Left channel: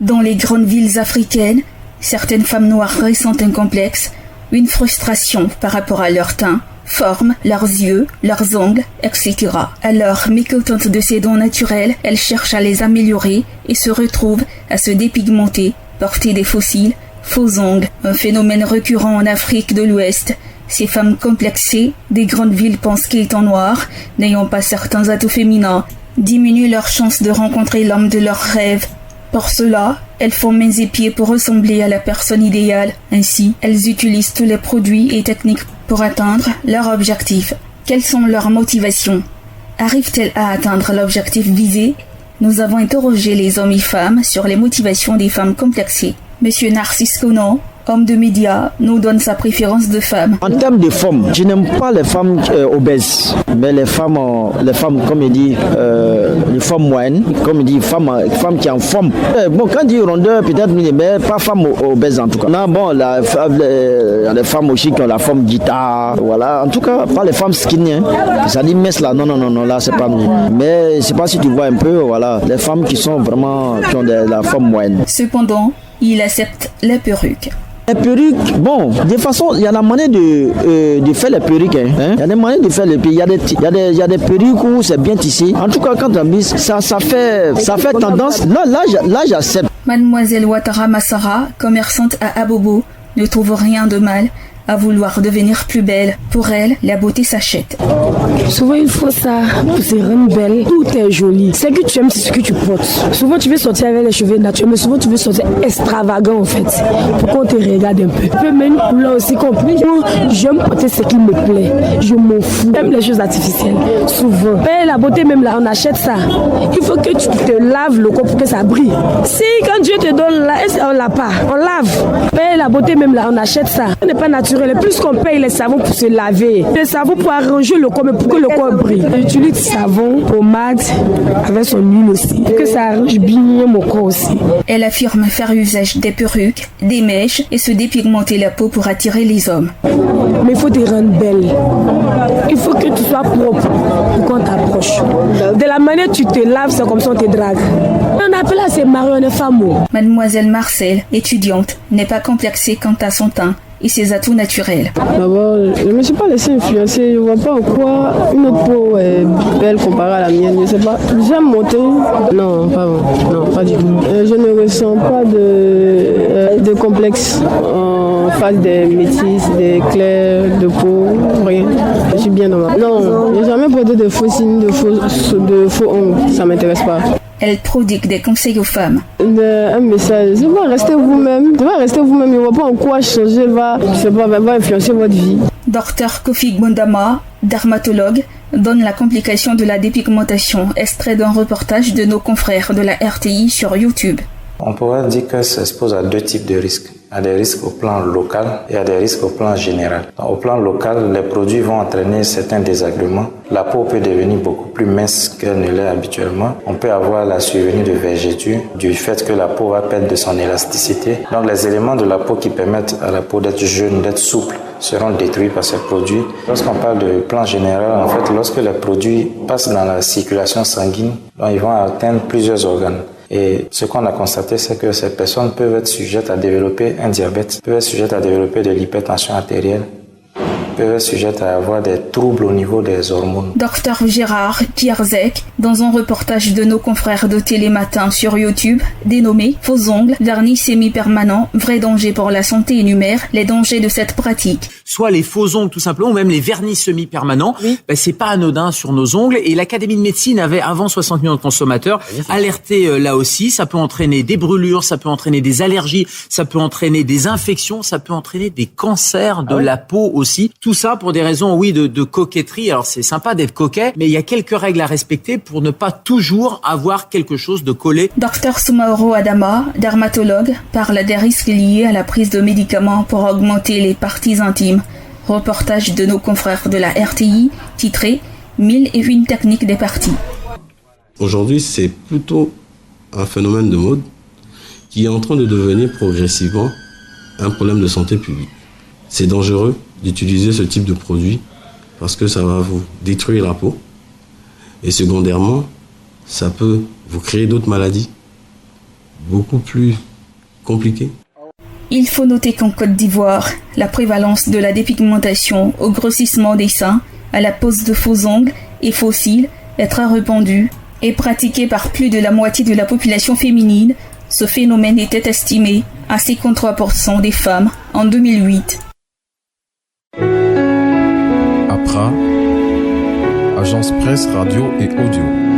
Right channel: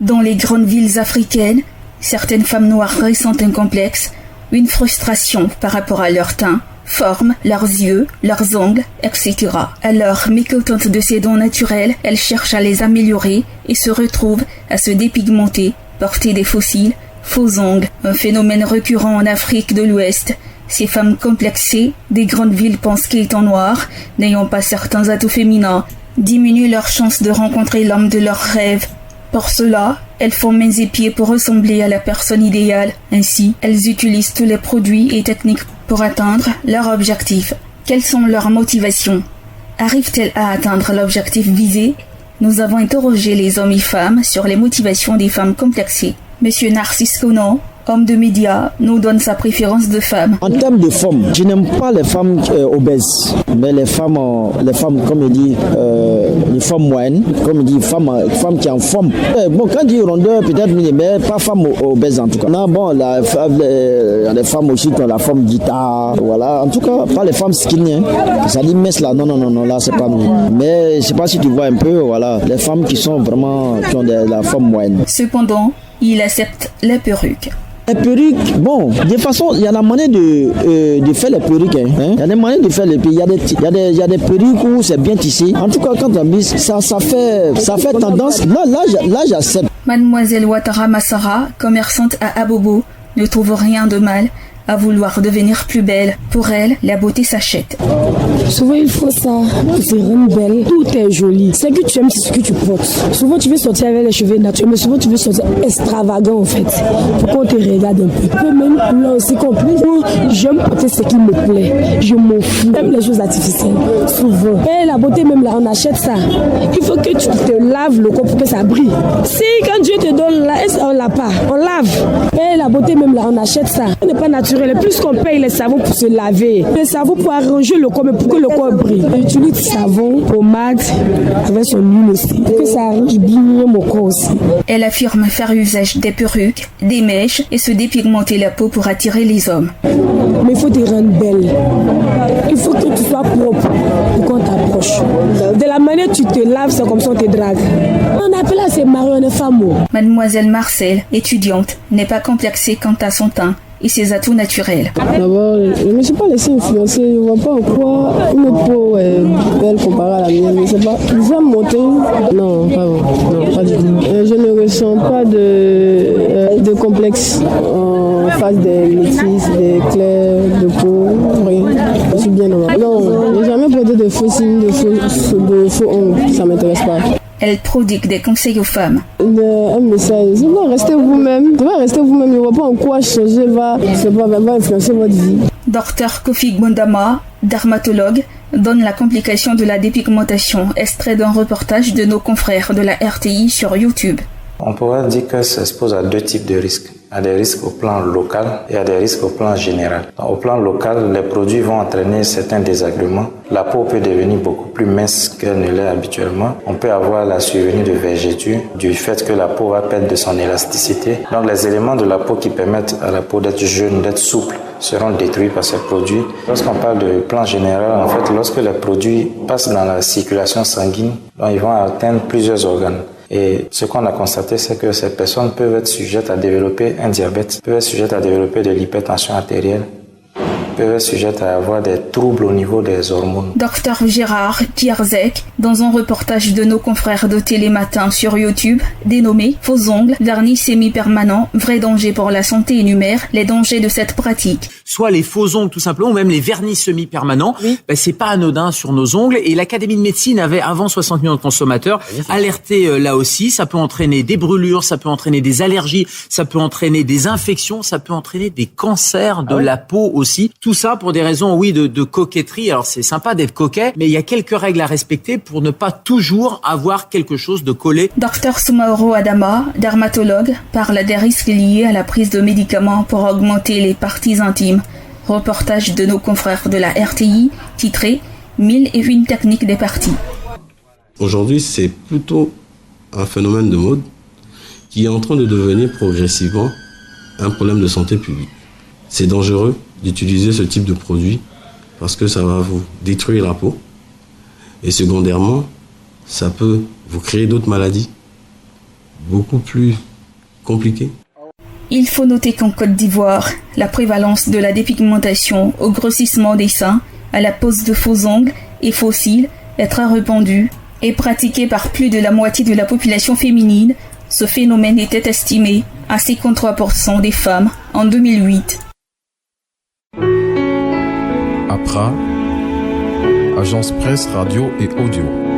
Dans les grandes villes africaines, certaines femmes noires ressentent un complexe, une frustration par rapport à leur teint, forme, leurs yeux, leurs ongles, etc. Alors, mécontentes de ces dons naturels, elles cherchent à les améliorer et se retrouvent à se dépigmenter, porter des faux cils, faux ongles, un phénomène récurrent en Afrique de l'Ouest. Ces femmes complexées des grandes villes pensent qu'étant noires, n'ayant pas certains atouts féminins, diminuent leurs chances de rencontrer l'homme de leurs rêves. Pour cela, elles font mains et pieds pour ressembler à la personne idéale. Ainsi, elles utilisent tous les produits et techniques pour atteindre leur objectif. Quelles sont leurs motivations? Arrivent-elles à atteindre l'objectif visé? Nous avons interrogé les hommes et femmes sur les motivations des femmes complexées. Monsieur Narcisse Conan, homme de médias, nous donne sa préférence de femme. En termes de femmes, je n'aime pas les femmes obèses, mais les femmes comme il dit, les femmes moyennes, comme il dit, femmes qui en forme. Bon, quand il dit rondeur, peut-être, mais pas femmes obèses en tout cas. Non, bon, il y a des femmes aussi qui ont la forme guitare, voilà. En tout cas, pas les femmes skinny, hein. Ça dit mince là, non, là c'est pas mieux. Mais je sais pas si tu vois un peu, voilà, les femmes qui sont vraiment, qui ont la forme moyenne. Cependant, il accepte la perruque. Les perruques, bon, de toute façon, il y a la manière de faire les perruques. Hein. Il y a des manières de faire les perruques. Il y a des perruques où c'est bien tissé. En tout cas, quand on mise, ça fait tendance. Là, j'accepte. Mademoiselle Ouattara Massara, commerçante à Abobo, ne trouve rien de mal à vouloir devenir plus belle. Pour elle, la beauté s'achète. Souvent, il faut ça pour se rendre belle. Tout est joli. Ce que tu aimes, c'est ce que tu portes. Souvent, tu veux sortir avec les cheveux naturels, mais souvent, tu veux sortir extravagant, en fait, pour qu'on te regarde un peu. Tu peux mettre une couleur aussi compliquée. J'aime porter ce qui me plaît. Je m'en fous. J'aime les choses artificielles. Souvent. Mais la beauté, même là, on achète ça. Il faut que tu te laves le corps pour que ça brille. Si, quand Dieu te donne là, on l'a pas. On lave. Mais la beauté, même là, on achète ça. Ce n'est pas naturel. Le plus qu'on paye les savons pour se laver, le savon pour arranger le corps, mais pour que le corps brille. J'utilise savon, pommade, avec son huile aussi, pour que ça arrange bien mon corps aussi. Elle affirme faire usage des perruques, des mèches et se dépigmenter la peau pour attirer les hommes. Mais il faut te rendre belle. Il faut que tu sois propre pour qu'on t'approche. De la manière dont tu te laves, c'est comme ça on te drague. On appelle ça c'est marionnette femme. Mademoiselle Marcel, étudiante, n'est pas complexée quant à son teint et ses atouts naturels. D'abord, je ne me suis pas laissée influencer. Je ne vois pas en quoi une autre peau est belle comparée à la mienne. Je ne sais pas. J'aime mon teint. Non, pas du tout. Je ne ressens pas de complexe en face des métis, des clairs de peau. Rien. Je suis bien dans ma peau. Non, je n'ai jamais porté de faux signes, de faux ongles. Ça ne m'intéresse pas. Elle prodigue des conseils aux femmes. Un message, c'est pas rester vous-même. Tu vas rester vous-même, il ne va pas en quoi changer, va influencer votre vie. Dr Kofi Gbondama, dermatologue, donne la complication de la dépigmentation, extrait d'un reportage de nos confrères de la RTI sur YouTube. On pourrait dire que ça s'expose à deux types de risques. Il y a des risques au plan local et il y a des risques au plan général. Au plan local, les produits vont entraîner certains désagréments. La peau peut devenir beaucoup plus mince qu'elle ne l'est habituellement. On peut avoir la survenue de vergetures du fait que la peau va perdre de son élasticité. Donc les éléments de la peau qui permettent à la peau d'être jeune, d'être souple, seront détruits par ces produits. Lorsqu'on parle de plan général, en fait, lorsque les produits passent dans la circulation sanguine, donc ils vont atteindre plusieurs organes. Et ce qu'on a constaté, c'est que ces personnes peuvent être sujettes à développer un diabète, peuvent être sujettes à développer de l'hypertension artérielle, peuvent être sujettes à avoir des troubles au niveau des hormones. Dr Gérard Kierzek, dans un reportage de nos confrères de Télématin sur YouTube, dénommé « Faux ongles, vernis semi-permanent, vrai danger pour la santé » énumère les dangers de cette pratique. Soit les faux ongles tout simplement, ou même les vernis semi-permanents, oui. C'est pas anodin sur nos ongles. Et l'Académie de médecine avait, avant 60 millions de consommateurs, alerté là aussi. Ça peut entraîner des brûlures, ça peut entraîner des allergies, ça peut entraîner des infections, ça peut entraîner des cancers de la peau aussi. Tout ça pour des raisons, oui, de coquetterie. Alors c'est sympa d'être coquet, mais il y a quelques règles à respecter pour ne pas toujours avoir quelque chose de collé. Dr Soumaoro Adama, dermatologue, parle des risques liés à la prise de médicaments pour augmenter les parties intimes. Reportage de nos confrères de la RTI, titré « 1001 techniques des parties ». Aujourd'hui, c'est plutôt un phénomène de mode qui est en train de devenir progressivement un problème de santé publique. C'est dangereux d'utiliser ce type de produit parce que ça va vous détruire la peau et secondairement, ça peut vous créer d'autres maladies beaucoup plus compliqué. Il faut noter qu'en Côte d'Ivoire, la prévalence de la dépigmentation au grossissement des seins, à la pose de faux ongles et faux cils est très répandue et pratiquée par plus de la moitié de la population féminine. Ce phénomène était estimé à 53% des femmes en 2008. APRA, Agence Presse, Radio et Audio.